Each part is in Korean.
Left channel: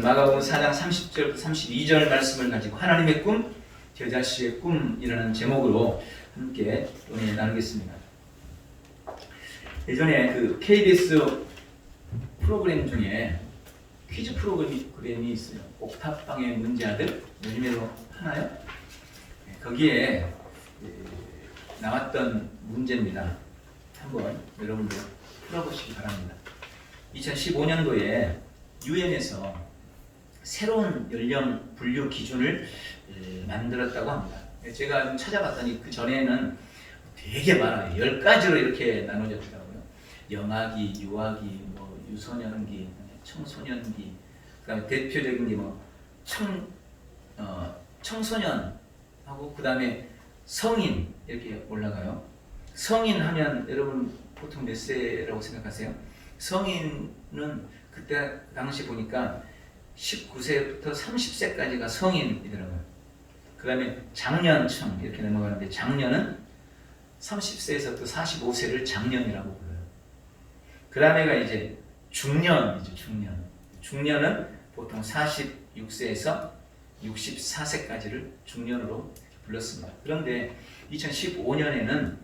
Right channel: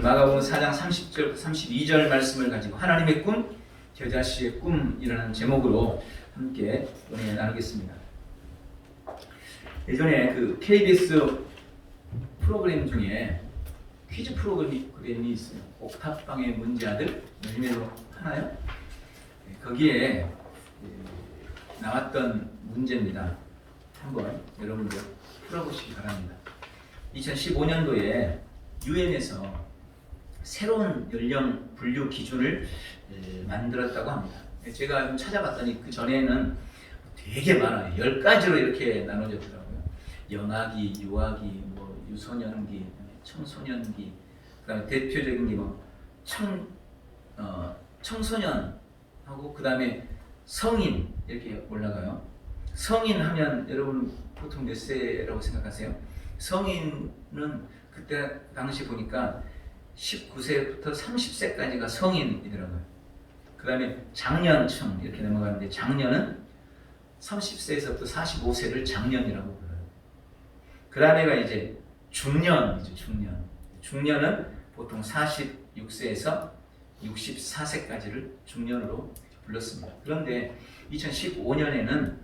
마가복음 4장 30절, 32절 말씀을 가지고 하나님의 꿈, 겨자씨의 꿈이라는 제목으로 함께 은혜 나누겠습니다. 예전에 그 KBS 프로그램 중에 퀴즈 프로그램이 있어요. 옥탑방의 문제아들, 요즘에도 하나요? 거기에 나왔던 문제입니다. 한번 여러분들 풀어보시기 바랍니다. 2015년도에 유엔에서 새로운 연령 분류 기준을 만들었다고 합니다. 제가 찾아봤더니 그 전에는 되게 많아요. 10가지로 이렇게 나눠졌더라고요. 영아기, 유아기, 뭐 유소년기, 청소년기, 그다음에 대표적인 게 뭐 청소년하고 그다음에 성인 이렇게 올라가요. 성인 하면 여러분 보통 몇 세라고 생각하세요? 성인은 그때 당시 보니까 19세부터 30세까지가 성인이더라고요. 그 다음에 장년층 이렇게 넘어가는데 장년은 30세에서부터 45세를 장년이라고 불러요. 그 다음에가 이제 중년이죠. 중년은 보통 46세에서 64세까지를 중년으로 불렀습니다. 그런데 2015년에는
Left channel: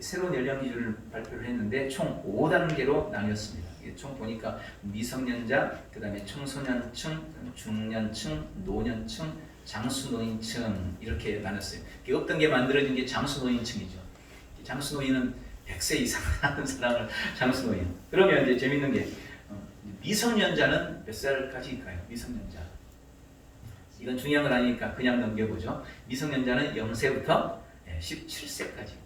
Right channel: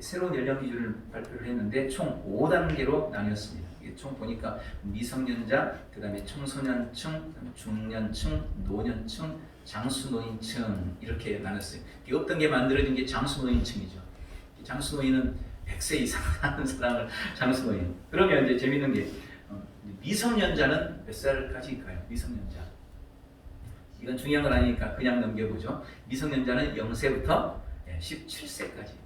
새로운 연령 기준을 발표를 했는데 총 5단계로 나뉘었습니다. 총 보니까 미성년자, 그 다음에 청소년층, 중년층, 노년층, 장수노인층 이렇게 나눴어요. 어떤 게 만들어진 게 장수노인층이죠. 장수노인은 100세 이상 사는 사람을 장수노인. 그러면 이제 재밌는 게 미성년자는 몇 살까지일까요? 미성년자. 이건 중요한 건 아니니까 그냥 넘겨보죠. 미성년자는 0세부터 17세까지.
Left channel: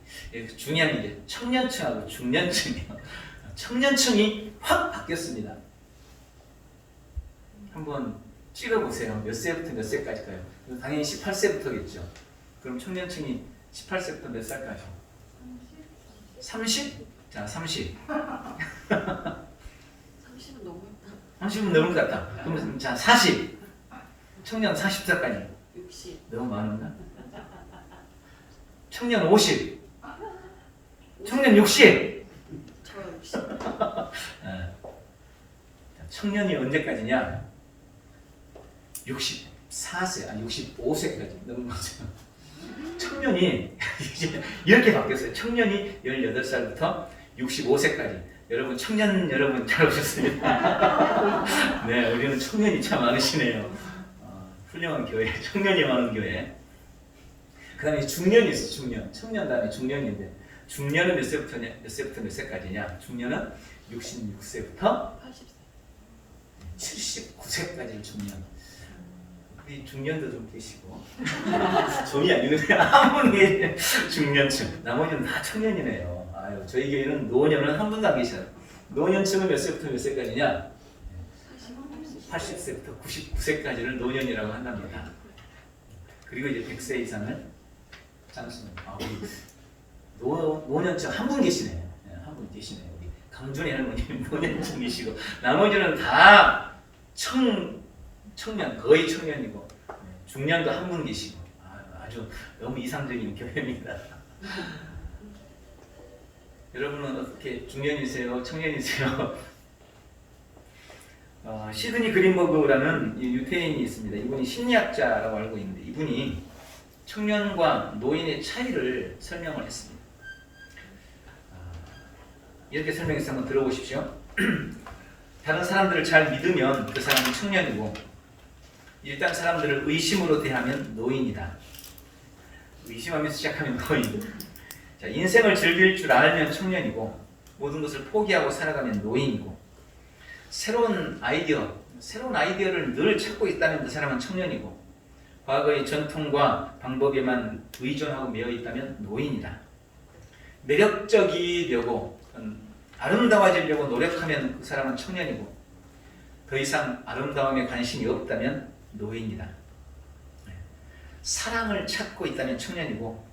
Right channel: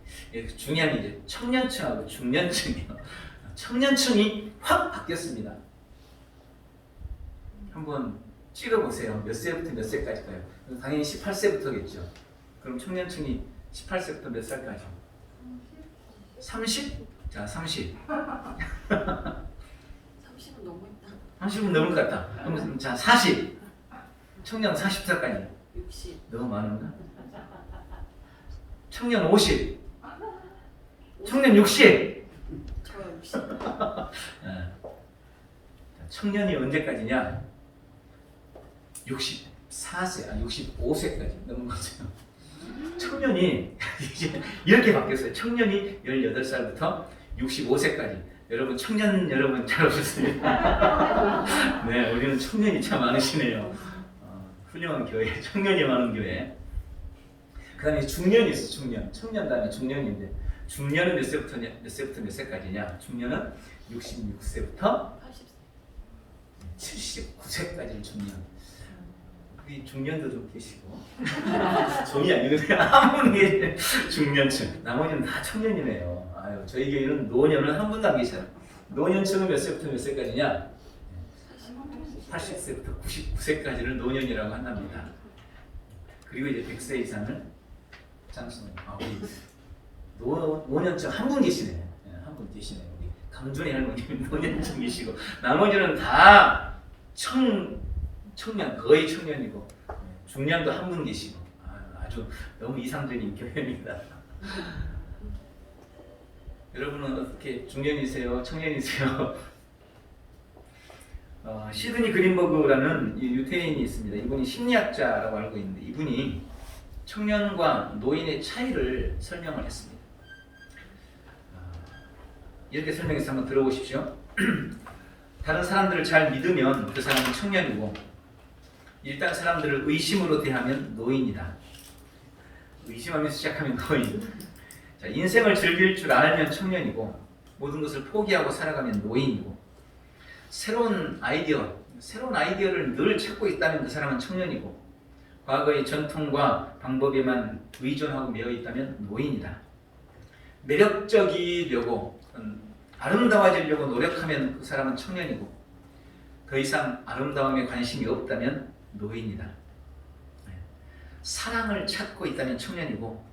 중요한 게 청년층하고 중년층이요. 청년층이 확 바뀌었습니다. 한번 찍어보세요. 몇 세부터 몇 세까지일까요? 당연히 18세부터겠죠. 그럼 청년층이 18세부터 몇 살까지? 30? 자, 30. 30은 너무 있다. 30은 너무 같다. 그럼 자, 40. 청년 40살까지. 60. 너무 많은가? 청년 50. 청년 60. 저 60. 청년이 언제까지냐? 64세, 아니 65세까지 넘은 거죠. 청년이 이제 이렇게 바뀌었어요. 청년이 18살부터 65세까지. 여러분 청년 여러분 잘 오셨습니다. 네, 여기는 청년이 참 많으시네요. 훌륭한 교회, 청년이 많은 교회. 그 다음에 중년이 있어, 중년. 청년 다음에 중년인데 중년은 몇 세부터 몇 세까지냐? 중년은 66세부터 79세까지를 중년. 이 중년도 좀 계시고 종이 아니는데 아무리 중년층. 나머지는 다 청년이네요. 아유, 저희 교회는 노년은 한 분도 안 계셔요. 노년층은 몇 세부터 몇 세까지냐? 80세부터 99세까지를 노년이라고 한답니다. 그리고 이제 100세 이상을 장수년. 노년층 한 분 계시네요. 네, 한 분 계시네요. 우리 강준희 할머님 노년층이시고 나머지는 다 청년, 거의 청년이고 중년도 한 분 계시고 아주 너무 이상적인 교회입니다. 여러분은 어떻게 중년이세요? 청년이세요? 시드니 그린버그라는 유태인이 있습니다. 이분이 심리학자라고 알고 있는데 이분이 청년과 노인의 차이를 설명을 했습니다. 이렇게 설명해서 한번 들어보십시오. 다른 사람들을 잘 믿으면 그 사람은 청년이고 일단 사람들을 의심으로 대하면 노인이다. 의심하면서 시작하면 노인. 자, 인생을 즐길 줄 알면 청년이고 모든 것을 포기하고 살아가면 노인이고 새로운 아이디어를 늘 찾고 있다면 그 사람은 청년이고 과거의 전통과 방법에만 의존하고 매여 있다면 노인이다. 매력적이려고 아름다워지려고 노력하면 그 사람은 청년이고 더 이상 아름다움에 관심이 없다면 노인이다. 사랑을 찾고 있다면 청년이고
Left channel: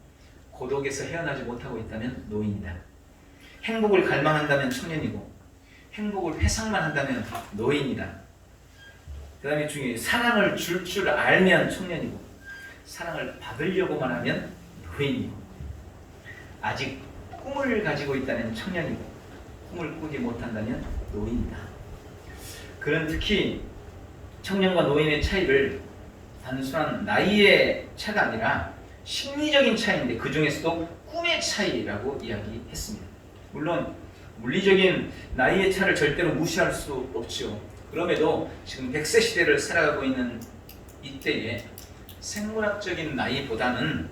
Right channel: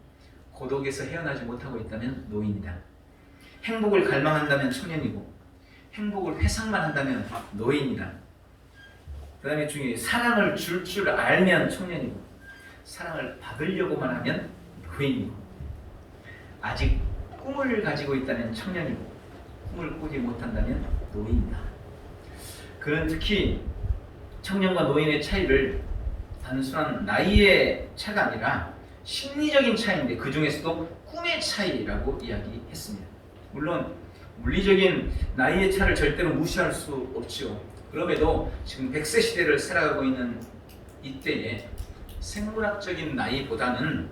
고독에서 헤어나지 못하고 있다면 노인이다. 행복을 갈망한다면 청년이고 행복을 회상만 한다면 노인이다. 그 다음에 중요해 사랑을 줄 알면 청년이고 사랑을 받으려고만 하면 노인이고 아직 꿈을 가지고 있다면 청년이고 꿈을 꾸지 못한다면 노인이다. 그는 특히 청년과 노인의 차이를 단순한 나이의 차가 아니라 심리적인 차이인데 그 중에서도 꿈의 차이라고 이야기했습니다. 물론 물리적인 나이의 차를 절대로 무시할 수 없죠. 그럼에도 지금 100세 시대를 살아가고 있는 이때에 생물학적인 나이보다는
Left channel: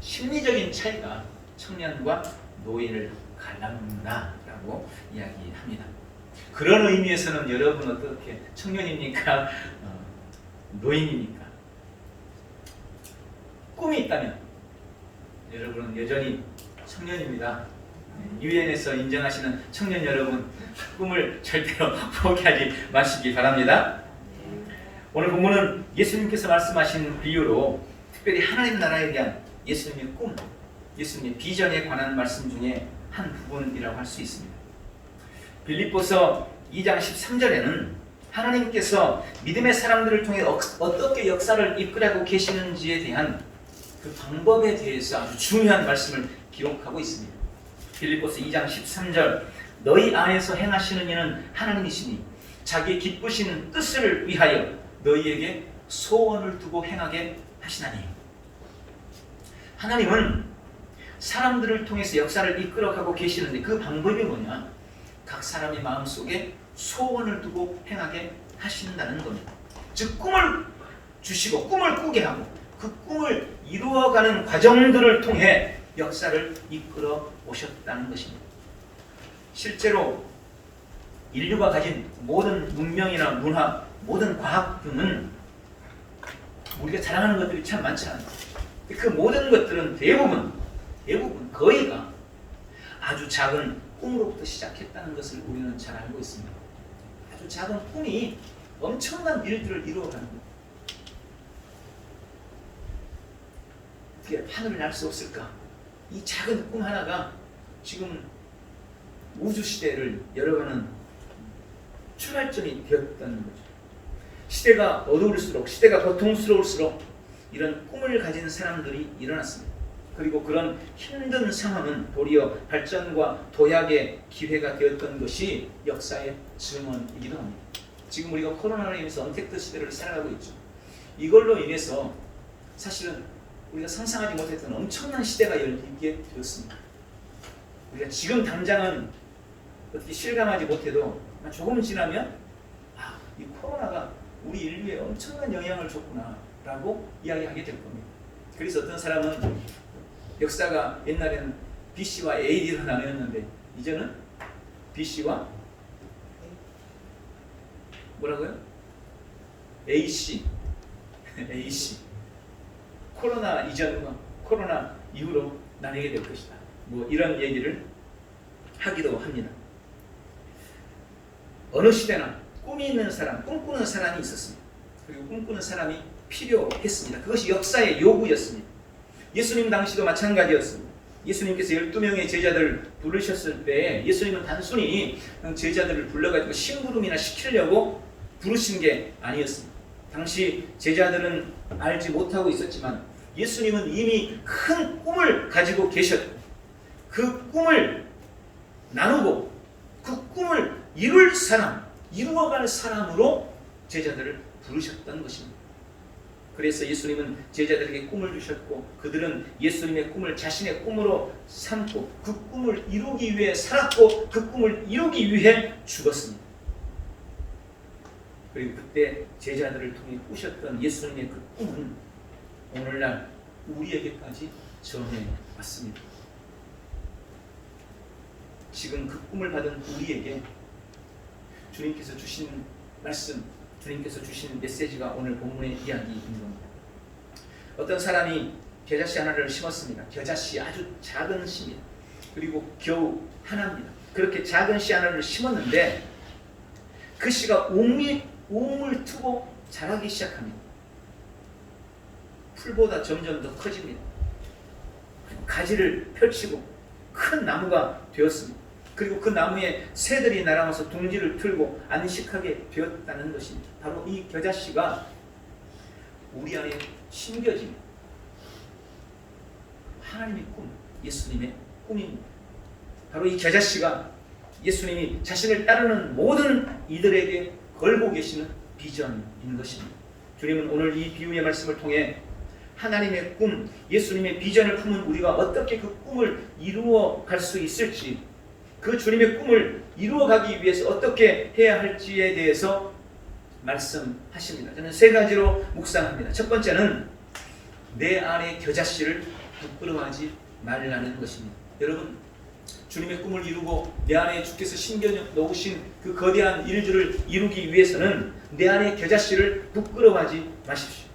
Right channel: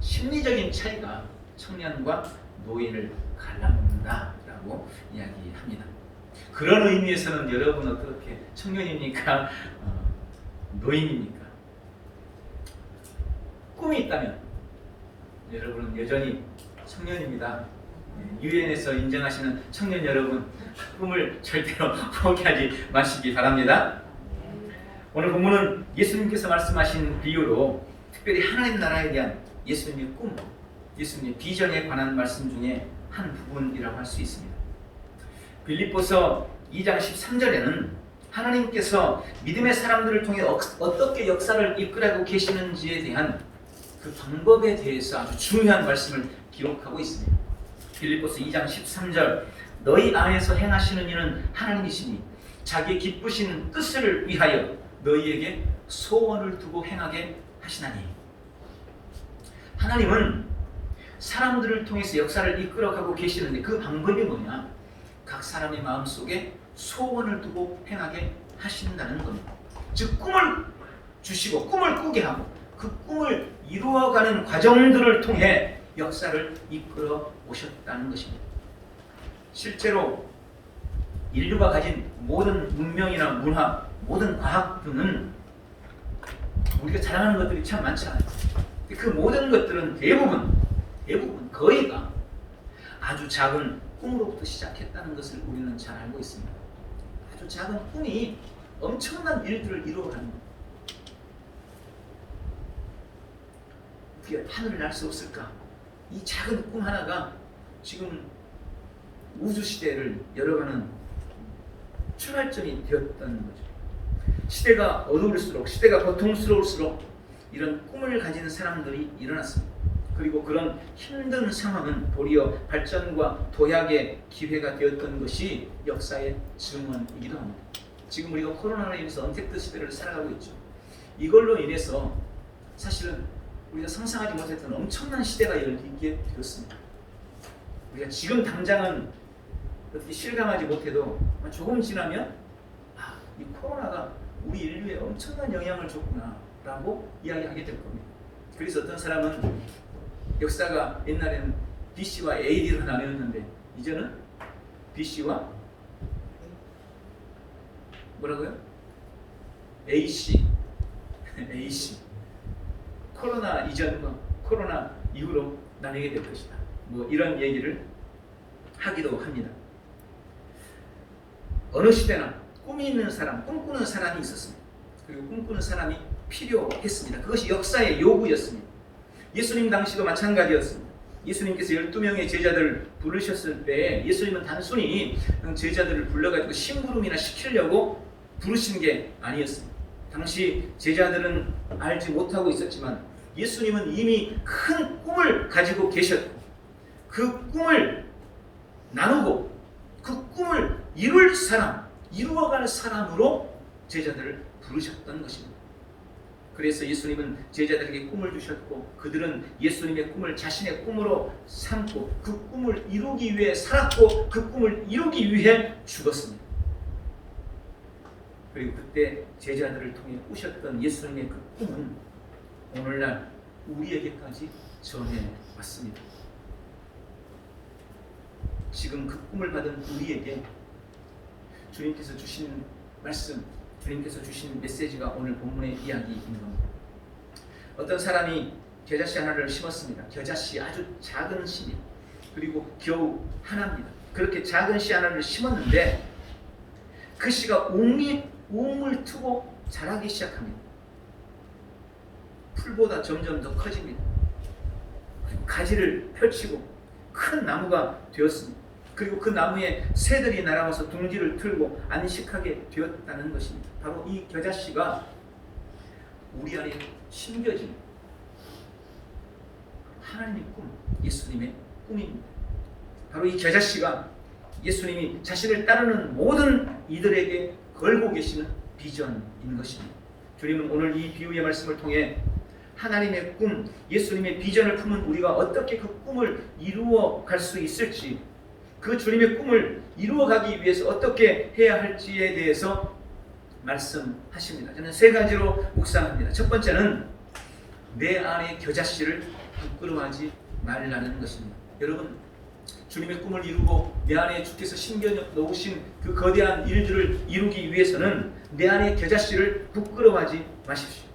심리적인 차이가 청년과 노인을 갈라놓는다라고 이야기합니다. 그런 의미에서는 여러분 어떻게 청년입니까? 노인입니까? 꿈이 있다면 여러분은 여전히 청년입니다. 유엔에서 인정하시는 청년 여러분, 꿈을 절대로 포기하지 마시기 바랍니다. 오늘 본문은 예수님께서 말씀하신 비유로 특별히 하나님 나라에 대한 예수님의 꿈, 예수님의 비전에 관한 말씀 중에 한 부분이라고 할 수 있습니다. 빌립보서 2장 13절에는 하나님께서 믿음의 사람들을 통해 어떻게 역사를 이끌어가고 계시는지에 대한 그 방법에 대해서 아주 중요한 말씀을 기록하고 있습니다. 빌립보서 2장 13절, 너희 안에서 행하시는 이는 하나님이시니 자기의 기쁘신 뜻을 위하여 너희에게 소원을 두고 행하게 하시나니. 하나님은 사람들을 통해서 역사를 이끌어가고 계시는데 그 방법이 뭐냐? 각 사람의 마음속에 소원을 두고 행하게 하신다는 겁니다. 즉 꿈을 주시고 꿈을 꾸게 하고 그 꿈을 이루어가는 과정들을 통해 역사를 이끌어 오셨다는 것입니다. 실제로 인류가 가진 모든 문명이나 문화, 모든 과학 등은 우리가 자랑하는 것들이 참 많잖아요. 그 모든 것들은 대부분 거의가 아주 작은 꿈으로부터 시작했다는 것을 우리는 잘 알고 있습니다. 아주 작은 꿈이 엄청난 일들을 이루어가는 것. 어떻게 하늘을 날 수 없을까? 이 작은 꿈 하나가 지금 우주 시대를 열어가는 출발점이 되었다는 거죠. 시대가 어두울수록, 시대가 고통스러울수록 이런 꿈을 가진 사람들이 일어났습니다. 그리고 그런 힘든 상황은 도리어 발전과 도약의 기회가 되었던 것이 역사의 증언이기도 합니다. 지금 우리가 코로나로 인해서 언택트 시대를 살아가고 있죠. 이걸로 인해서 사실은 우리가 상상하지 못했던 엄청난 시대가 열리게 되었습니다. 우리가 지금 당장은 어떻게 실감하지 못해도 조금 지나면 이 코로나가 우리 인류에 엄청난 영향을 줬구나 라고 이야기하게 될 겁니다. 그래서 어떤 사람은 역사가 옛날에는 BC와 AD로 나뉘었는데 이제는 BC와 뭐라고요? AC 코로나 이전과 코로나 이후로 나뉘게 될 것이다. 뭐 이런 얘기를 하기도 합니다. 어느 시대나 꿈이 있는 사람, 꿈꾸는 사람이 있었습니다. 그리고 꿈꾸는 사람이 필요했습니다. 그것이 역사의 요구였습니다. 예수님 당시도 마찬가지였습니다. 예수님께서 12명의 제자들을 부르셨을 때 예수님은 단순히 제자들을 불러가지고 심부름이나 시키려고 부르신 게 아니었습니다. 당시 제자들은 알지 못하고 있었지만 예수님은 이미 큰 꿈을 가지고 계셨고 그 꿈을 나누고 그 꿈을 이룰 사람, 이루어갈 사람으로 제자들을 부르셨던 것입니다. 그래서 예수님은 제자들에게 꿈을 주셨고 그들은 예수님의 꿈을 자신의 꿈으로 삼고 그 꿈을 이루기 위해 살았고 그 꿈을 이루기 위해 죽었습니다. 그리고 그때 제자들을 통해 꾸셨던 예수님의 그 꿈은 오늘날 우리에게까지 전해왔습니다. 지금 그 꿈을 받은 우리에게 주님께서 주신 말씀, 주님께서 주신 메시지가 오늘 본문의 이야기인 겁니다. 어떤 사람이 겨자씨 하나를 심었습니다. 겨자씨 아주 작은 씨입니다. 그리고 겨우 하나입니다. 그렇게 작은 씨 하나를 심었는데 그 씨가 웅을 트고 자라기 시작합니다. 풀보다 점점 더 커집니다. 그리고 가지를 펼치고 큰 나무가 되었습니다. 그리고 그 나무에 새들이 날아와서 둥지를 틀고 안식하게 되었다는 것입니다. 바로 이 겨자씨가 우리 안에 심겨진 하나님의 꿈, 예수님의 꿈입니다. 바로 이 겨자씨가 예수님이 자신을 따르는 모든 이들에게 걸고 계시는 비전인 것입니다. 주님은 오늘 이 비유의 말씀을 통해 하나님의 꿈, 예수님의 비전을 품은 우리가 어떻게 그 꿈을 이루어 갈 수 있을지, 그 주님의 꿈을 이루어가기 위해서 어떻게 해야 할지에 대해서 말씀하십니다. 저는 세 가지로 묵상합니다. 첫 번째는 내 안의 겨자씨를 부끄러워하지 말라는 것입니다. 여러분, 주님의 꿈을 이루고 내 안에 주께서 심겨 놓으신 그 거대한 일들을 이루기 위해서는 내 안의 겨자씨를 부끄러워하지 마십시오.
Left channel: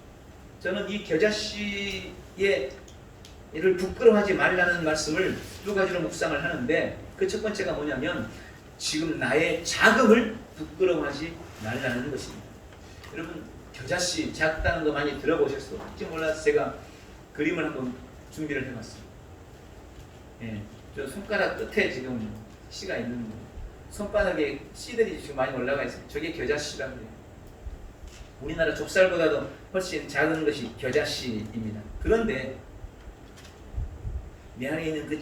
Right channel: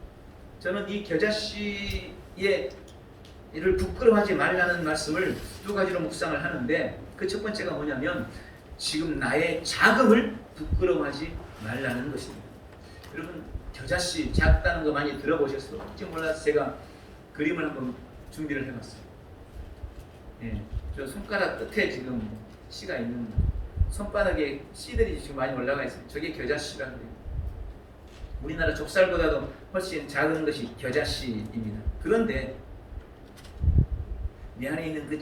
저는 이 겨자씨의 이를 부끄러워하지 말라는 말씀을 두 가지로 묵상을 하는데, 그 첫 번째가 뭐냐면 지금 나의 자금을 부끄러워하지 말라는 것입니다. 여러분, 겨자씨 작다는 거 많이 들어보셨어요? 혹시 몰라서 제가 그림을 한번 준비를 해봤어요. 예, 저 손가락 끝에 지금 씨가 있는, 손바닥에 씨들이 지금 많이 올라가 있어요. 저게 겨자씨라고 해요. 우리나라 좁쌀보다도 훨씬 작은 것이 겨자씨입니다. 그런데 내 안에 있는 그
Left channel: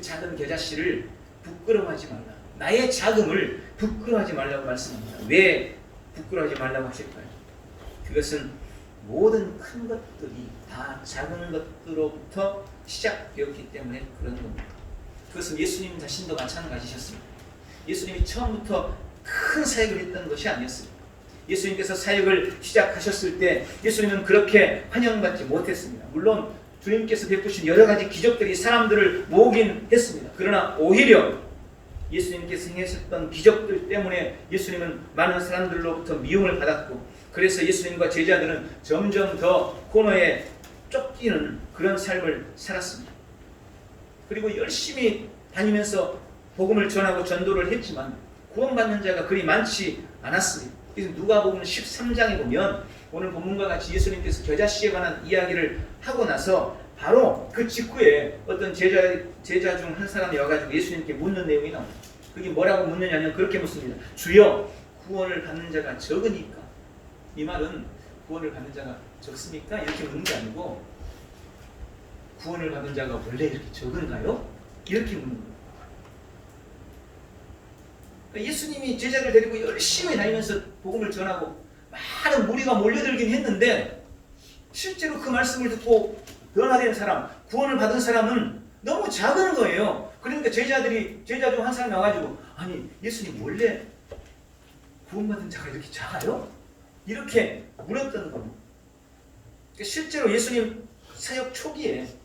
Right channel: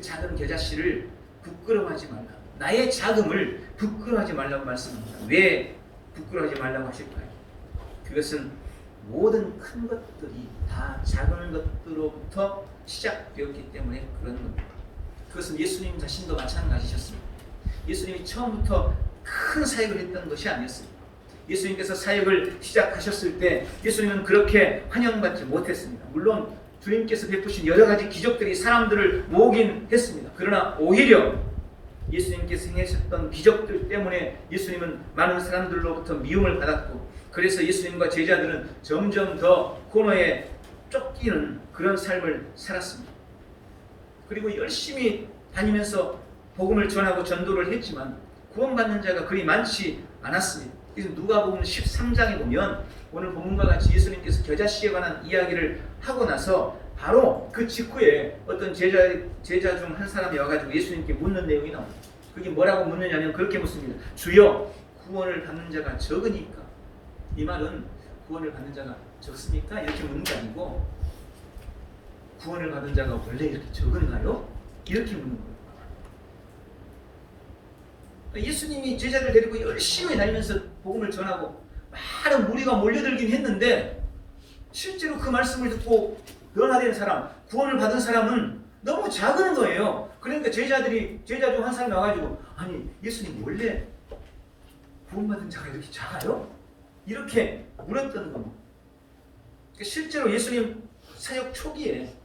작은 겨자씨를 부끄러워하지 말라. 나의 자금을 부끄러워하지 말라고 말씀합니다. 왜 부끄러워하지 말라고 하실까요? 그것은 모든 큰 것들이 다 작은 것으로부터 시작되었기 때문에 그런 겁니다. 그것은 예수님 자신도 마찬가지셨습니다. 예수님이 처음부터 큰 사역을 했던 것이 아니었습니다. 예수님께서 사역을 시작하셨을 때 예수님은 그렇게 환영받지 못했습니다. 물론 주님께서 베푸신 여러 가지 기적들이 사람들을 모으긴 했습니다. 그러나 오히려 예수님께서 행하셨던 기적들 때문에 예수님은 많은 사람들로부터 미움을 받았고, 그래서 예수님과 제자들은 점점 더 코너에 쫓기는 그런 삶을 살았습니다. 그리고 열심히 다니면서 복음을 전하고 전도를 했지만 구원받는 자가 그리 많지 않았습니다. 그래서 누가복음 13장에 보면 오늘 본문과 같이 예수님께서 겨자씨에 관한 이야기를 하고 나서 바로 그 직후에 어떤 제자 중 한 사람이 와가지고 예수님께 묻는 내용이 나옵니다. 그게 뭐라고 묻느냐면 그렇게 묻습니다. 주여, 구원을 받는 자가 적으니까. 이 말은 구원을 받는 자가 적습니까? 이렇게 묻는 게 아니고 구원을 받은 자가 원래 이렇게 적은가요? 이렇게 묻는 거예요. 예수님이 제자를 데리고 열심히 다니면서 복음을 전하고 많은 무리가 몰려들긴 했는데 실제로 그 말씀을 듣고 변화된 사람, 구원을 받은 사람은 너무 작은 거예요. 그러니까 제자 중 한 사람이 나와가지고 아니 예수님 원래 구원받은 자가 이렇게 작아요? 이렇게 물었던 겁니다. 실제로 예수님 사역 초기에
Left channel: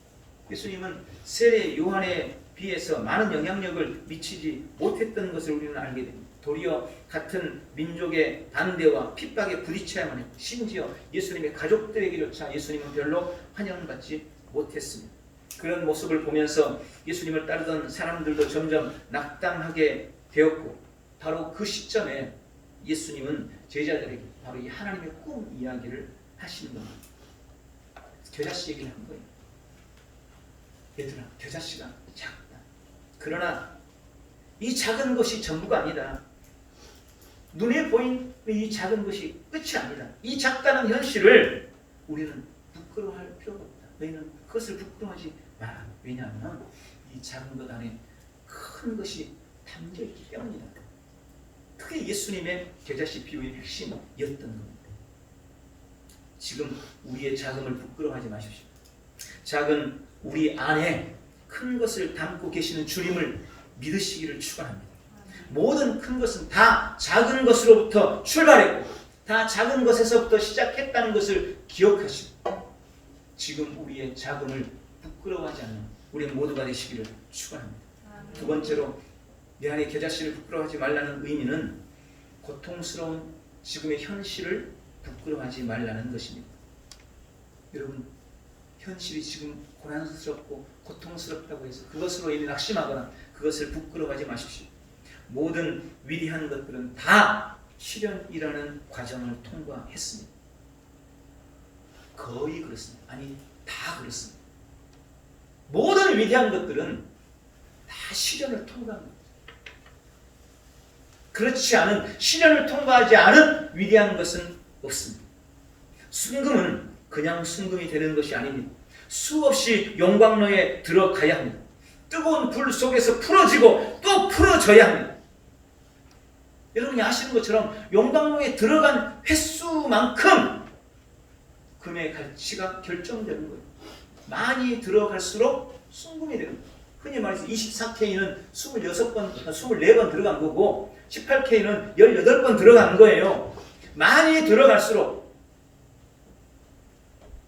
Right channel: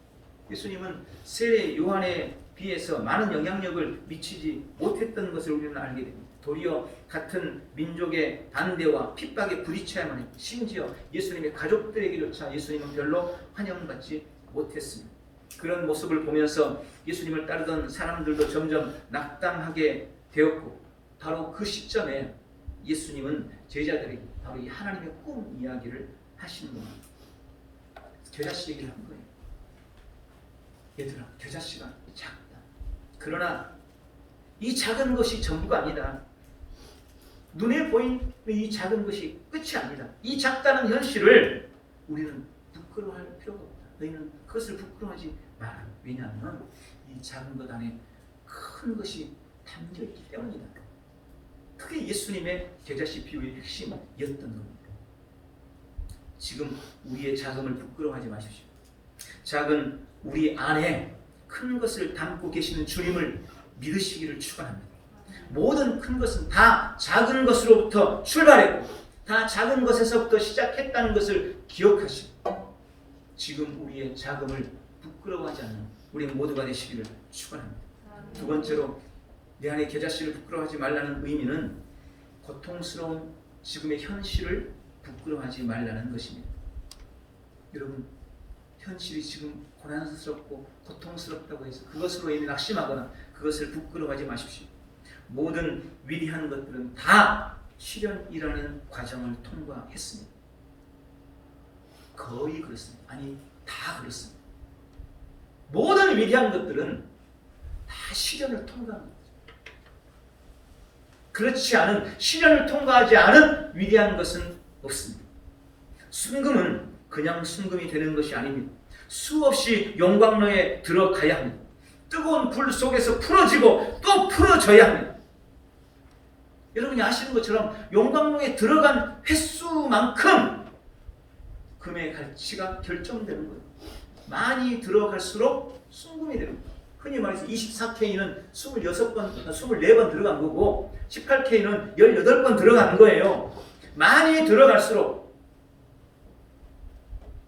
예수님은 세례 요한에 비해서 많은 영향력을 미치지 못했던 것을 우리는 알게 됩니다. 도리어 같은 민족의 반대와 핍박에 부딪혀야만 했고, 심지어 예수님의 가족들에게조차 예수님은 별로 환영받지 못했습니다. 그런 모습을 보면서 예수님을 따르던 사람들도 점점 낙담하게 되었고, 바로 그 시점에 예수님은 제자들에게 바로 이 하나님의 꿈 이야기를 하신 겁니다. 겨자씨 얘기를 한 거예요. 얘들아, 겨자씨가 작다. 그러나 이 작은 것이 전부가 아니다. 눈에 보이는 이 작은 것이 끝이 아니다. 이 작다는 현실을 우리는 부끄러워할 필요가 없다. 너희는 그것을 부끄러워하지 마라. 왜냐하면 이 작은 것 안에 큰 것이 담겨있기 때문이다. 그게 예수님의 겨자씨 비유의 핵심이었던 겁니다. 지금 우리의 자금을 부끄러워하지 마십시오. 작은 우리 안에 큰 것을 담고 계시는 주님을 믿으시기를 축원합니다. 모든 큰 것은 다 작은 것으로부터 출발했고 다 작은 것에서부터 시작했다는 것을 기억하시고 지금 우리의 자금을 부끄러워하지 않는 우리 모두가 되시기를 축원합니다. 두 번째로 내 안에 겨자씨를 부끄러워하지 말라는 의미는 고통스러운 지금의 현실을 부끄러워하지 말라는 것입니다. 여러분, 현실이 지금 고난스럽고 고통스럽다고 해서 그것으로 이미 낙심하거나 그것을 부끄러워하지 마십시오. 모든 위대한 것들은 다 시련이라는 과정을 통과했습니다. 거의 그렇습니다. 아니, 다 그렇습니다. 모든 위대한 것들은 다 시련을 통과합니다. 그렇지 않은, 시련을 통과하지 않은 위대한 것은 없습니다. 순금은 그냥 순금이 되는 것이 아닙니다. 수없이 용광로에 들어가야 합니다. 뜨거운 불 속에서 풀어지고 또 풀어져야 합니다. 여러분이 아시는 것처럼 용광로에 들어간 횟수만큼 금의 가치가 결정되는 거예요. 많이 들어갈수록 순금이 되는 거예요. 흔히 말해서 24K는 24번 들어간 거고 18K는 18번 들어간 거예요. 많이 들어갈수록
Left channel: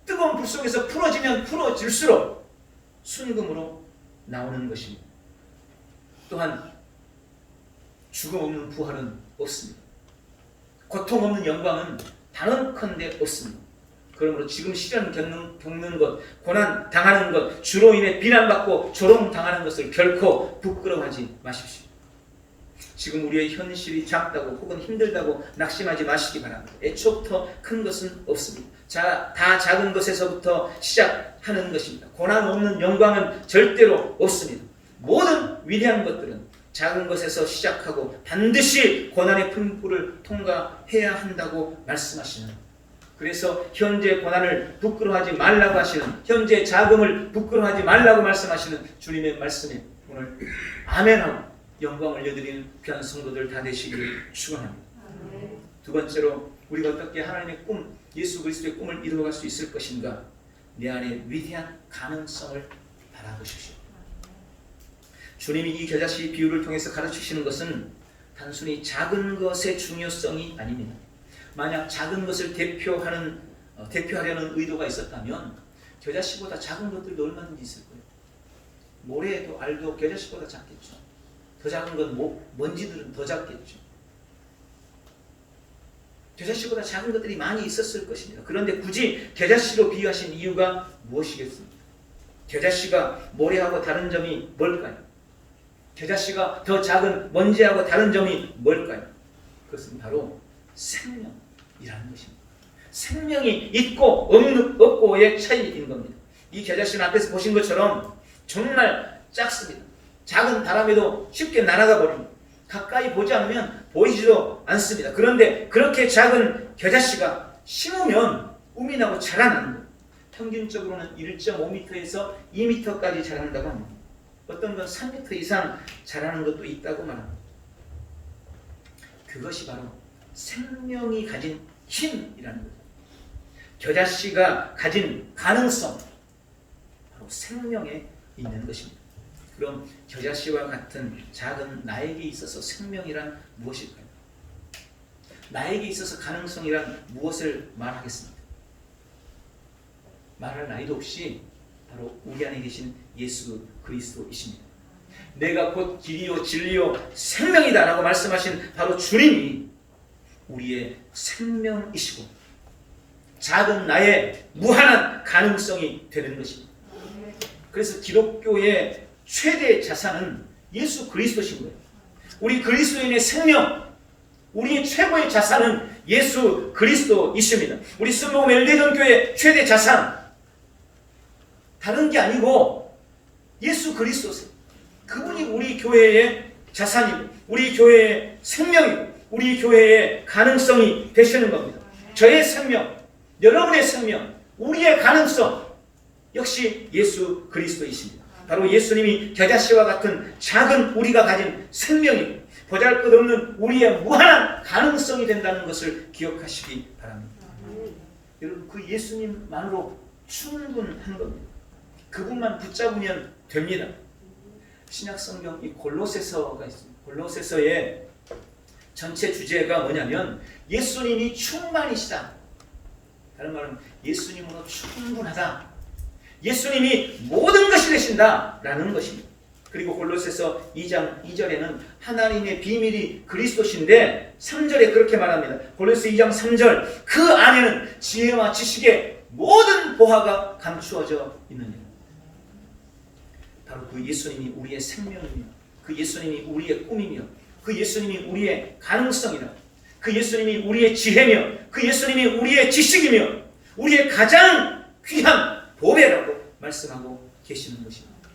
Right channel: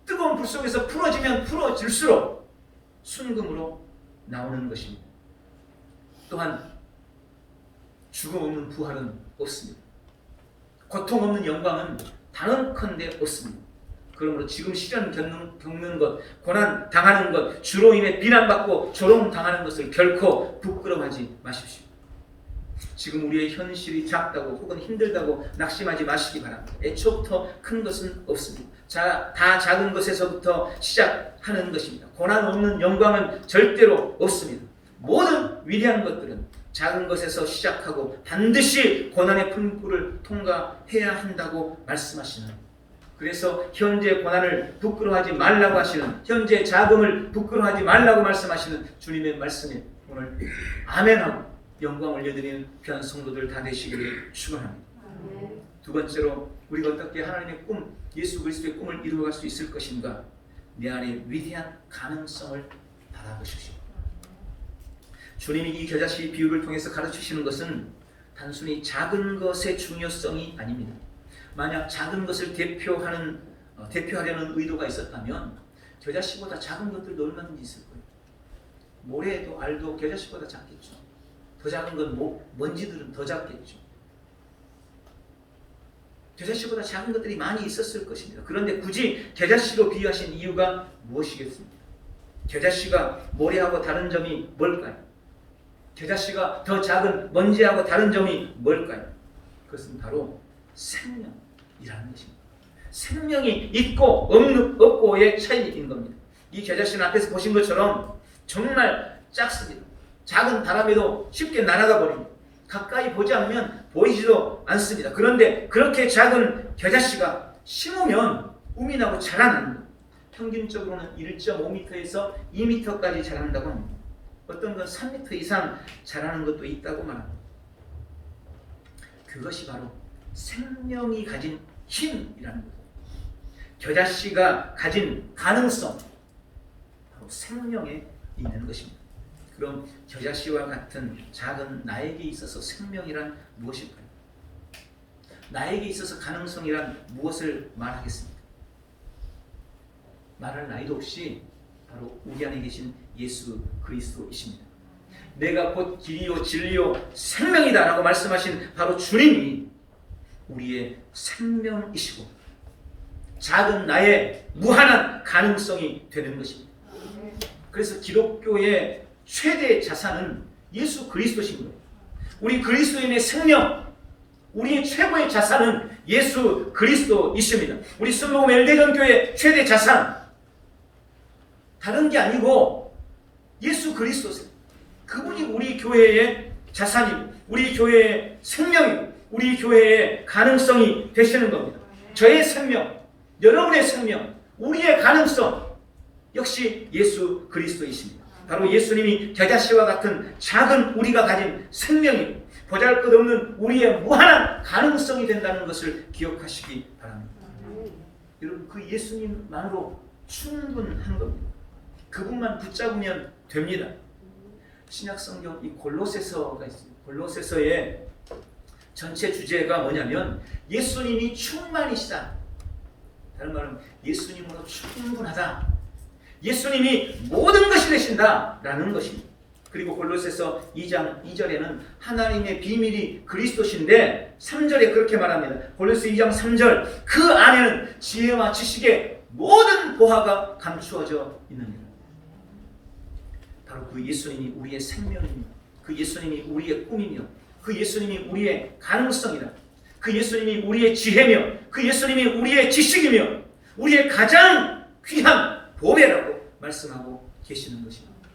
뜨거운 불 속에서 풀어지면 풀어질수록 순금으로 나오는 것입니다. 또한 죽음 없는 부활은 없습니다. 고통 없는 영광은 단언컨대 없습니다. 그러므로 지금 시련 겪는 것, 고난 당하는 것, 주로 인해 비난받고 조롱당하는 것을 결코 부끄러워하지 마십시오. 지금 우리의 현실이 작다고 혹은 힘들다고 낙심하지 마시기 바랍니다. 애초부터 큰 것은 없습니다. 다 작은 것에서부터 시작하는 것입니다. 고난 없는 영광은 절대로 없습니다. 모든 위대한 것들은 작은 것에서 시작하고 반드시 고난의 풍부를 통과해야 한다고 말씀하시는, 그래서 현재 고난을 부끄러워하지 말라고 하시는, 현재 자금을 부끄러워하지 말라고 말씀하시는 주님의 말씀에 오늘 아멘하고 영광을 올려드리는 귀한 성도들 다 되시기를 축원합니다. 두 번째로 우리가 어떻게 하나님의 꿈, 예수 그리스도의 꿈을 이루어갈 수 있을 것인가? 내 안에 위대한 가능성을 바라보십시오. 주님이 이 겨자씨 비유를 통해서 가르치시는 것은 단순히 작은 것의 중요성이 아닙니다. 만약 작은 것을 대표하려는 의도가 있었다면 겨자씨보다 작은 것들도 얼마든지 있을 거예요. 모래도 알도 겨자씨보다 작겠죠. 더 작은 건 먼지들은 더 작겠죠. 겨자씨보다 작은 것들이 많이 있었을 것입니다. 그런데 굳이 겨자씨로 비유하신 이유가 무엇이겠습니까? 겨자씨가 모래하고 다른 점이 뭘까요? 겨자씨가 더 작은 먼지하고 다른 점이 뭘까요? 그것은 바로 생명이라는 것입니다. 생명이 있고 없고의 차이인 겁니다. 이 겨자씨는 앞에서 보신 것처럼 정말 작습니다. 작은 바람에도 쉽게 날아가 버립니다. 가까이 보지 않으면 보이지도 않습니다. 그런데 그렇게 작은 겨자씨가 심으면 움이 나고 자라는 거예요. 평균적으로는 1.5m에서 2m까지 자란다고 합니다. 어떤 건 3m 이상 자라는 것도 있다고 말합니다. 그것이 바로 생명이 가진 힘이라는 거죠. 겨자씨가 가진 가능성, 바로 생명에 있는 것입니다. 그럼 겨자씨와 같은 작은 나에게 있어서 생명이란 무엇일까요? 나에게 있어서 가능성이란 무엇을 말하겠습니까? 말할 나이도 없이 바로 우리 안에 계신 예수 그리스도이십니다. 내가 곧 길이요 진리요 생명이다 라고 말씀하신 바로 주님이 우리의 생명이시고 작은 나의 무한한 가능성이 되는 것입니다. 그래서 기독교의 최대 자산은 예수 그리스도신 거예요. 우리 그리스도인의 생명, 우리의 최고의 자산은 예수 그리스도이십니다. 우리 순복음 엘대전교의 최대 자산, 다른 게 아니고 예수 그리스도세요. 그분이 우리 교회의 자산이고 우리 교회의 생명이고 우리 교회의 가능성이 되시는 겁니다. 저의 생명, 여러분의 생명, 우리의 가능성 역시 예수 그리스도이십니다. 바로 예수님이 겨자씨와 같은 작은 우리가 가진 생명이고 보잘것없는 우리의 무한한 가능성이 된다는 것을 기억하시기 바랍니다. 여러분, 그 예수님만으로 충분한 겁니다. 그분만 붙잡으면 됩니다. 신약성경 이 골로새서가 있습니다. 골로새서의 전체 주제가 뭐냐면 예수님이 충만이시다. 다른 말은 예수님으로 충분하다. 예수님이 모든 것이 되신다 라는 것입니다. 그리고 골로새서 2장 2절에는 하나님의 비밀이 그리스도신데 3절에 그렇게 말합니다. 골로새 2장 3절, 그 안에는 지혜와 지식의 모든 보화가 감추어져 있느니라. 바로 그 예수님이 우리의 생명이며 그 예수님이 우리의 꿈이며 그 예수님이 우리의 가능성이다. 그 예수님이 우리의 지혜며 그 예수님이 우리의 지식이며 우리의 가장 귀한 보배라고 말씀하고 계시는 것입니다.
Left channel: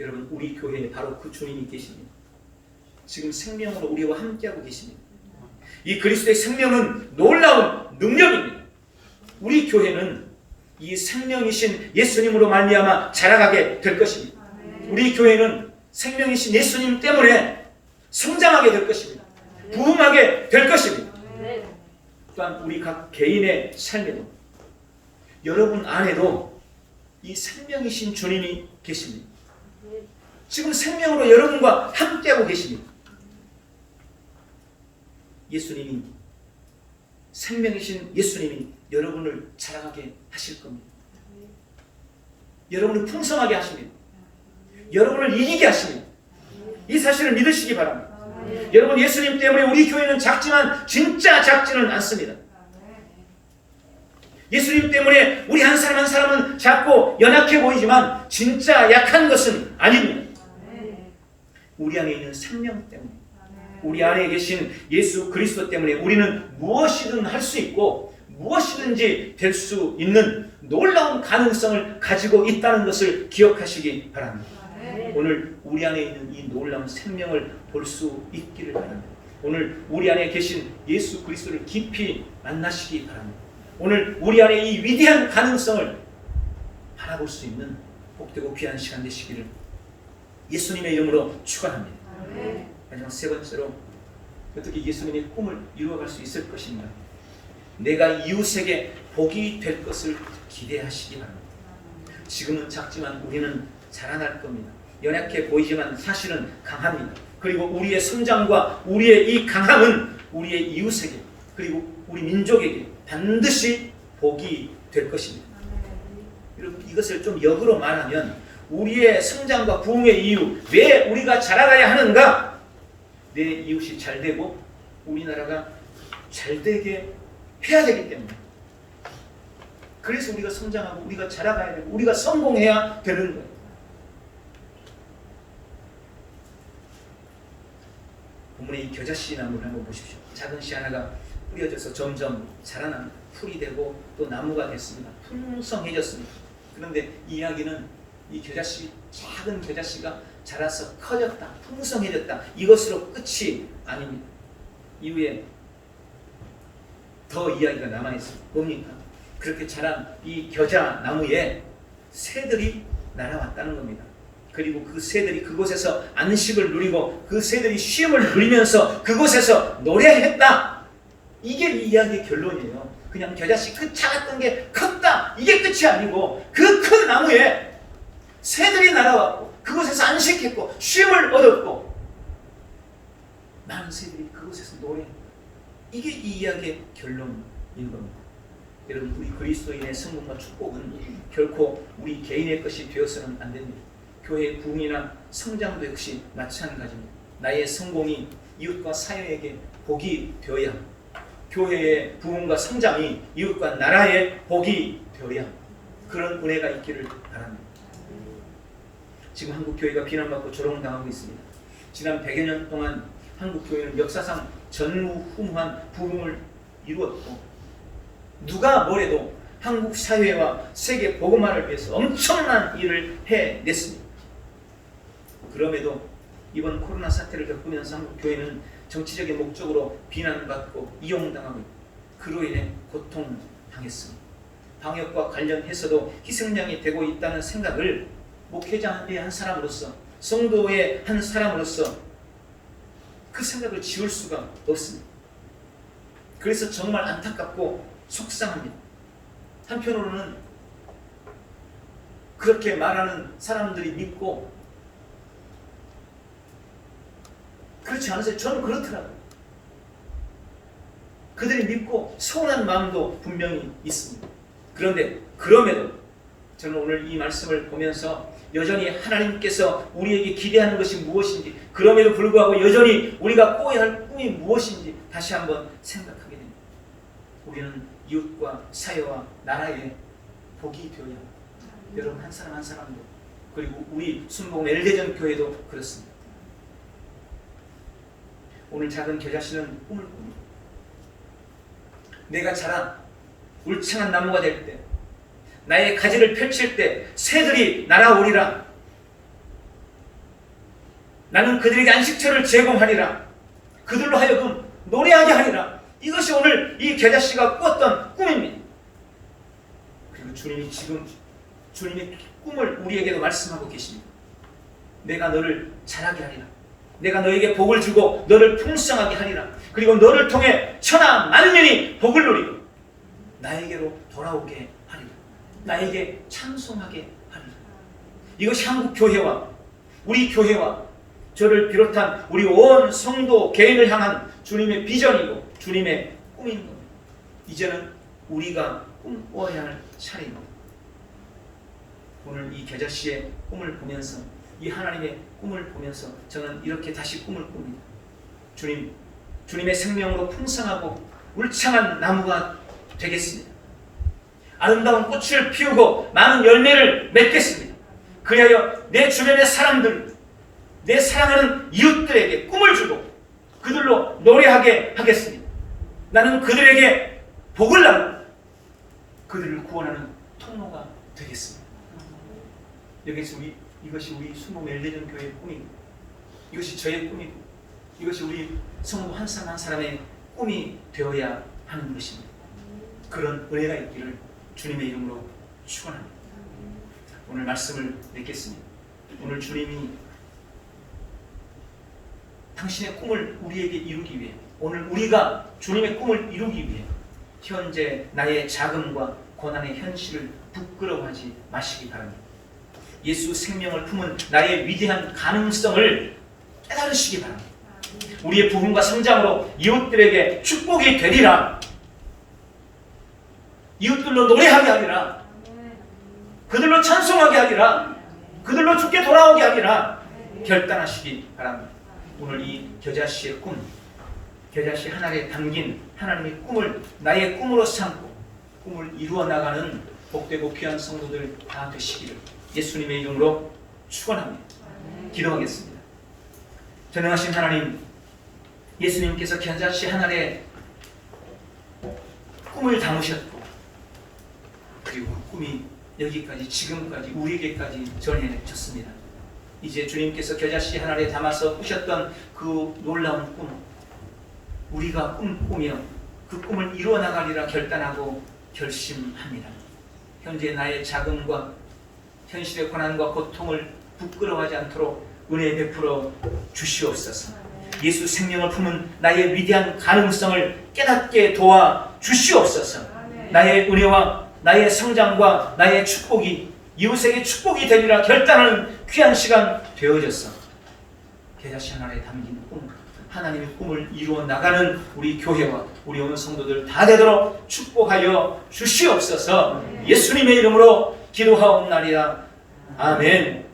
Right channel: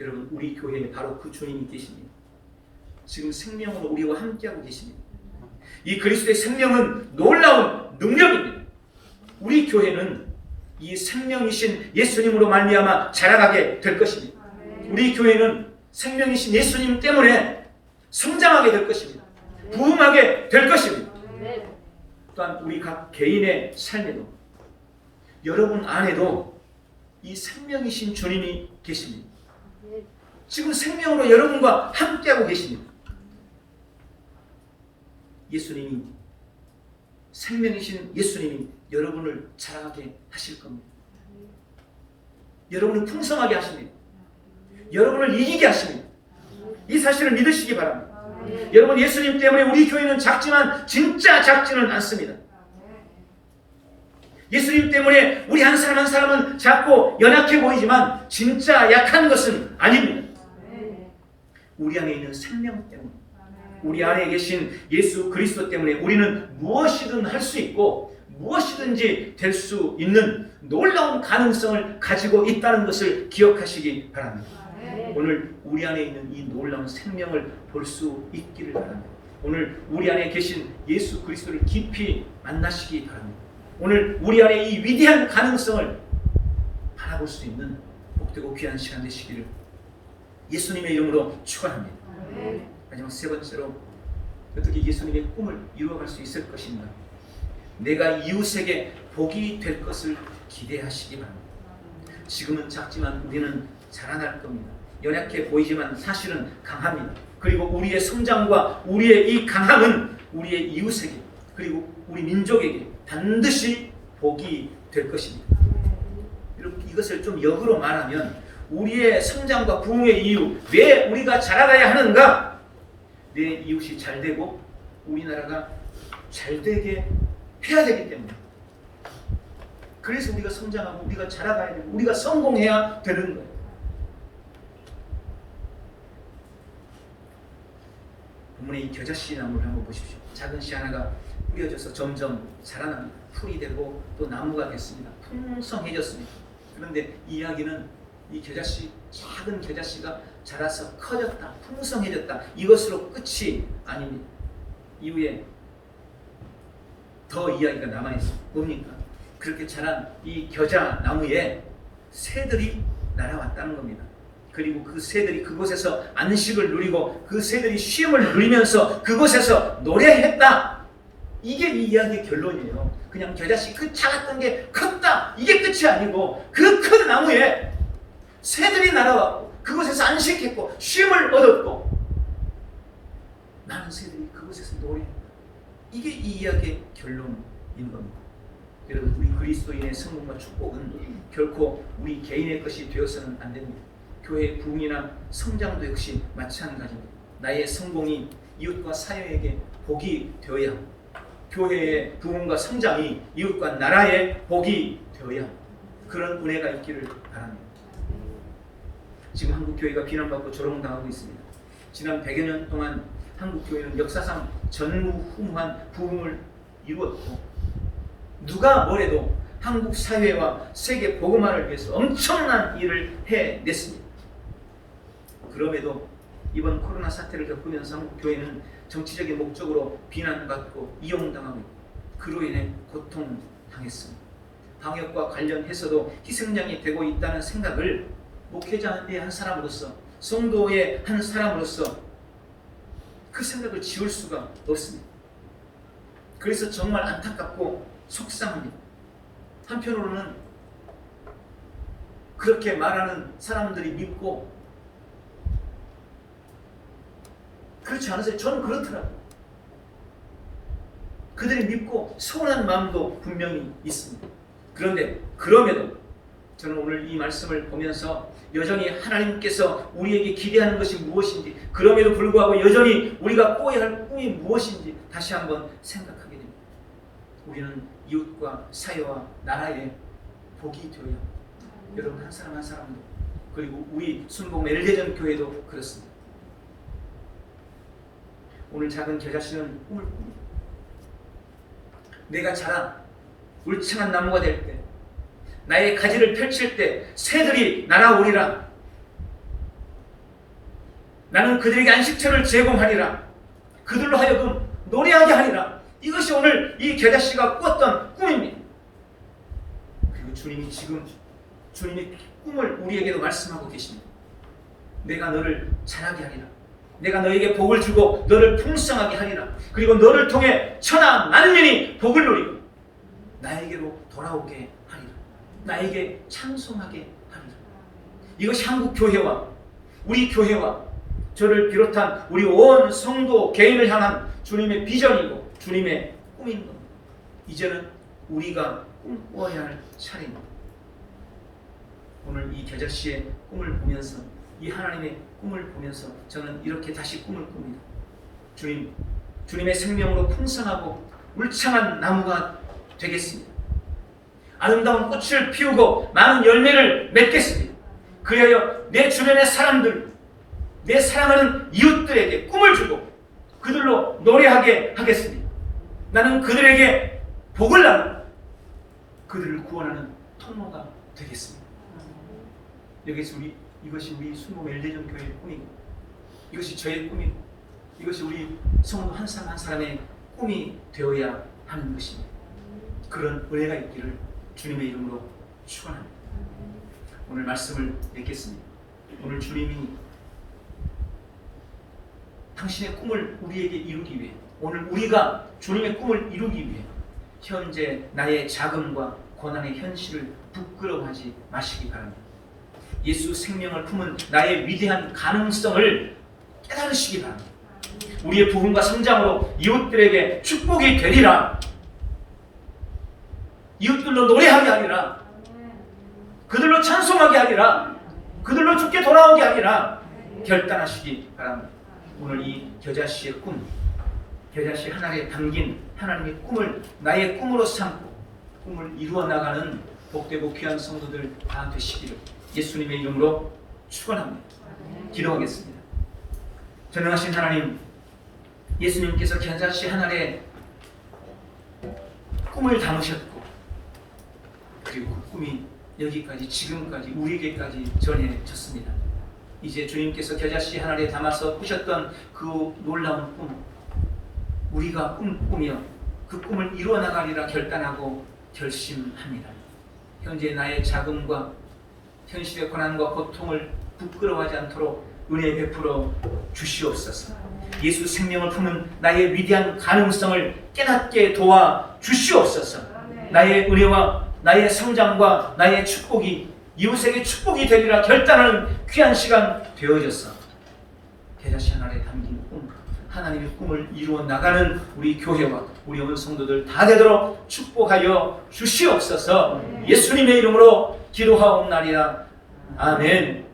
여러분, 우리 교회에 바로 그 주님이 계십니다. 지금 생명으로 우리와 함께하고 계십니다. 이 그리스도의 생명은 놀라운 능력입니다. 우리 교회는 이 생명이신 예수님으로 말미암아 자라가게 될 것입니다. 우리 교회는 생명이신 예수님 때문에 성장하게 될 것입니다. 부흥하게 될 것입니다. 네. 또한 우리 각 개인의 삶에도 여러분 안에도 이 생명이신 주님이 계십니다. 지금 생명으로 여러분과 함께하고 계십니다. 예수님이 생명이신 예수님이 여러분을 자라게 하실 겁니다. 여러분을 풍성하게 하십니다. 여러분을 이기게 하십니다. 이 사실을 믿으시기 바랍니다. 여러분, 예수님 때문에 우리 교회는 작지만 진짜 작지는 않습니다. 예수님 때문에 우리 한 사람 한 사람은 작고 연약해 보이지만 진짜 약한 것은 아닙니다. 우리 안에 있는 생명 때문에, 우리 안에 계신 예수 그리스도 때문에 우리는 무엇이든 할 수 있고 무엇이든지 될 수 있는 놀라운 가능성을 가지고 있다는 것을 기억하시기 바랍니다. 오늘 우리 안에 있는 이 놀라운 생명을 볼 수 있기를 바랍니다. 오늘 우리 안에 계신 예수 그리스도를 깊이 만나시기 바랍니다. 오늘 우리 안에 이 위대한 가능성을 바라볼 수 있는 복되고 귀한 시간 되시기를 예수님의 이름으로 축원합니다. 마지막 세 번째로, 어떻게 예수님의 꿈을 이루어갈 수 있을 것인가? 내가 이웃에게 복이 될 것을 기대하시기 바랍니다. 지금은 작지만 우리는 자라날 겁니다. 연약해 보이지만 사실은 강합니다. 그리고 우리의 성장과 우리의 이 강함은 우리의 이웃에게, 그리고 우리 민족에게 반드시 복이 될 것입니다. 여러분, 이것을 좀 역으로 말하면 우리의 성장과 부흥의 이유, 왜 우리가 자라나야 하는가? 내 이웃이 잘 되고 우리나라가 잘 되게 해야 되기 때문에, 그래서 우리가 성장하고 우리가 자라가야 되고 우리가 성공해야 되는 거예요. 본문의 이 겨자씨 나무를 한번 보십시오. 작은 씨 하나가 뿌려져서 점점 자라납니다. 풀이 되고 또 나무가 됐습니다. 풍성해졌습니다. 그런데 이 이야기는 이 겨자씨, 작은 겨자씨가 자라서 커졌다, 풍성해졌다, 이것으로 끝이 아닙니다. 이후에 더 이야기가 남아있습니다. 뭡니까? 그렇게 자란 이 겨자 나무에 새들이 날아왔다는 겁니다. 그리고 그 새들이 그곳에서 안식을 누리고 그 새들이 쉼을 누리면서 그곳에서 노래했다. 이게 이 이야기의 결론이에요. 그냥 겨자씨 그 작았던 게 컸다, 이게 끝이 아니고 그 큰 나무에 새들이 날아왔고 그곳에서 안식했고 쉼을 얻었고 많은 새들이 그곳에서 노래했다. 이게 이 이야기의 결론인 겁니다. 여러분, 우리 그리스도인의 성공과 축복은 결코 우리 개인의 것이 되어서는 안 됩니다. 교회의 부흥이나 성장도 역시 마찬가지입니다. 나의 성공이 이웃과 사회에게 복이 되어야 합니다. 교회의 부흥과 성장이 이웃과 나라의 복이 되어야 합니다. 그런 은혜가 있기를 바랍니다. 지금 한국 교회가 비난받고 조롱당하고 있습니다. 지난 100여 년 동안 한국 교회는 역사상 전무후무한 부흥을 이루었고, 누가 뭐래도 한국 사회와 세계 복음화를 위해서 엄청난 일을 해냈습니다. 그럼에도 이번 코로나 사태를 겪으면서 한국 교회는 정치적인 목적으로 비난받고 이용당하고 그로 인해 고통당했습니다. 방역과 관련해서도 희생양이 되고 있다는 생각을 목회자의 한 사람으로서, 성도의 한 사람으로서 그 생각을 지울 수가 없습니다. 그래서 정말 안타깝고 속상합니다. 한편으로는 그렇게 말하는 사람들이 믿고, 그렇지 않으세요? 저는 그렇더라고요. 그들이 믿고 서운한 마음도 분명히 있습니다. 그런데 그럼에도 저는 오늘 이 말씀을 보면서 여전히 하나님께서 우리에게 기대하는 것이 무엇인지, 그럼에도 불구하고 여전히 우리가 꿔야 할 꿈이 무엇인지 다시 한번 생각하게 됩니다. 우리는 이웃과 사회와 나라의 복이 되어야 합니다. 여러분, 한 사람 한 사람도, 그리고 우리 순복음 엘대전 교회도 그렇습니다. 오늘 작은 겨자씨는 꿈을 꿉니다. 내가 자라 울창한 나무가 될 때, 나의 가지를 펼칠 때 새들이 날아오리라. 나는 그들에게 안식처를 제공하리라. 그들로 하여금 노래하게 하리라. 이것이 오늘 이 겨자씨가 꾸었던 꿈입니다. 그리고 주님이 지금 주님의 꿈을 우리에게도 말씀하고 계십니다. 내가 너를 자라게 하리라. 내가 너에게 복을 주고 너를 풍성하게 하리라. 그리고 너를 통해 천하 만민이 복을 누리고 나에게로 돌아오게 하리라. 나에게 찬송하게 하리라. 이것이 한국 교회와 우리 교회와 저를 비롯한 우리 온 성도 개인을 향한 주님의 비전이고 주님의 꿈인 겁니다. 이제는 우리가 꿈꿔야 할 차례입니다. 오늘 이 겨자씨의 꿈을 보면서 이 하나님의 꿈을 보면서 저는 이렇게 다시 꿈을 꿉니다. 주님의 생명으로 풍성하고 울창한 나무가 되겠습니다. 아름다운 꽃을 피우고 많은 열매를 맺겠습니다. 그리하여 내 주변의 사람들, 내 사랑하는 이웃들에게 꿈을 주고 그들로 노래하게 하겠습니다. 나는 그들에게 복을 나누고 그들을 구원하는 통로가 되겠습니다. 이것이 우리 순모 멜리전 교회의 꿈입니다. 이것이 저의 꿈이고 이것이 우리 성도 한 사람 한 사람의 꿈이 되어야 하는 것입니다. 그런 은혜가 있기를 주님의 이름으로 축원합니다. 오늘 말씀을 맺겠습니다. 오늘 주님이 당신의 꿈을 우리에게 이루기 위해, 오늘 우리가 주님의 꿈을 이루기 위해 현재 나의 자금과 고난의 현실을 부끄러워하지 마시기 바랍니다. 예수 생명을 품은 나의 위대한 가능성을 깨달으시기 바랍니다. 우리의 부흥과 성장으로 이웃들에게 축복이 되리라. 이웃들로 노래하게 하리라. 그들로 찬송하게 하리라. 그들로 주께 돌아오게 하리라. 결단하시기 바랍니다. 오늘 이 겨자씨의 꿈, 겨자씨 하나에 담긴 하나님의 꿈을 나의 꿈으로 삼고 꿈을 이루어 나가는 복되고 귀한 성도들 다 되시기를 예수님의 이름으로 축원합니다. 기도하겠습니다. 전능하신 하나님, 예수님께서 겨자씨 하나에 꿈을 담으셨고 그리고 그 꿈이 여기까지 지금까지 우리에게까지 전해졌습니다. 이제 주님께서 겨자씨 하나에 담아서 꾸셨던 그 놀라운 꿈, 우리가 꿈꾸며 그 꿈을 이루어 나가리라 결단하고 결심합니다. 현재 나의 자금과 현실의 고난과 고통을 부끄러워하지 않도록 은혜 베풀어 주시옵소서. 예수 생명을 품은 나의 위대한 가능성을 깨닫게 도와 주시옵소서. 나의 은혜와 나의 성장과 나의 축복이 이웃에게 축복이 되리라 결단하는 귀한 시간 되어졌어. 겨자씨 하나에 담긴 꿈, 하나님의 꿈을 이루어 나가는 우리 교회와 우리 온 성도들 다 되도록 축복하여 주시옵소서. 예수님의 이름으로 기도하옵나이다. 아멘.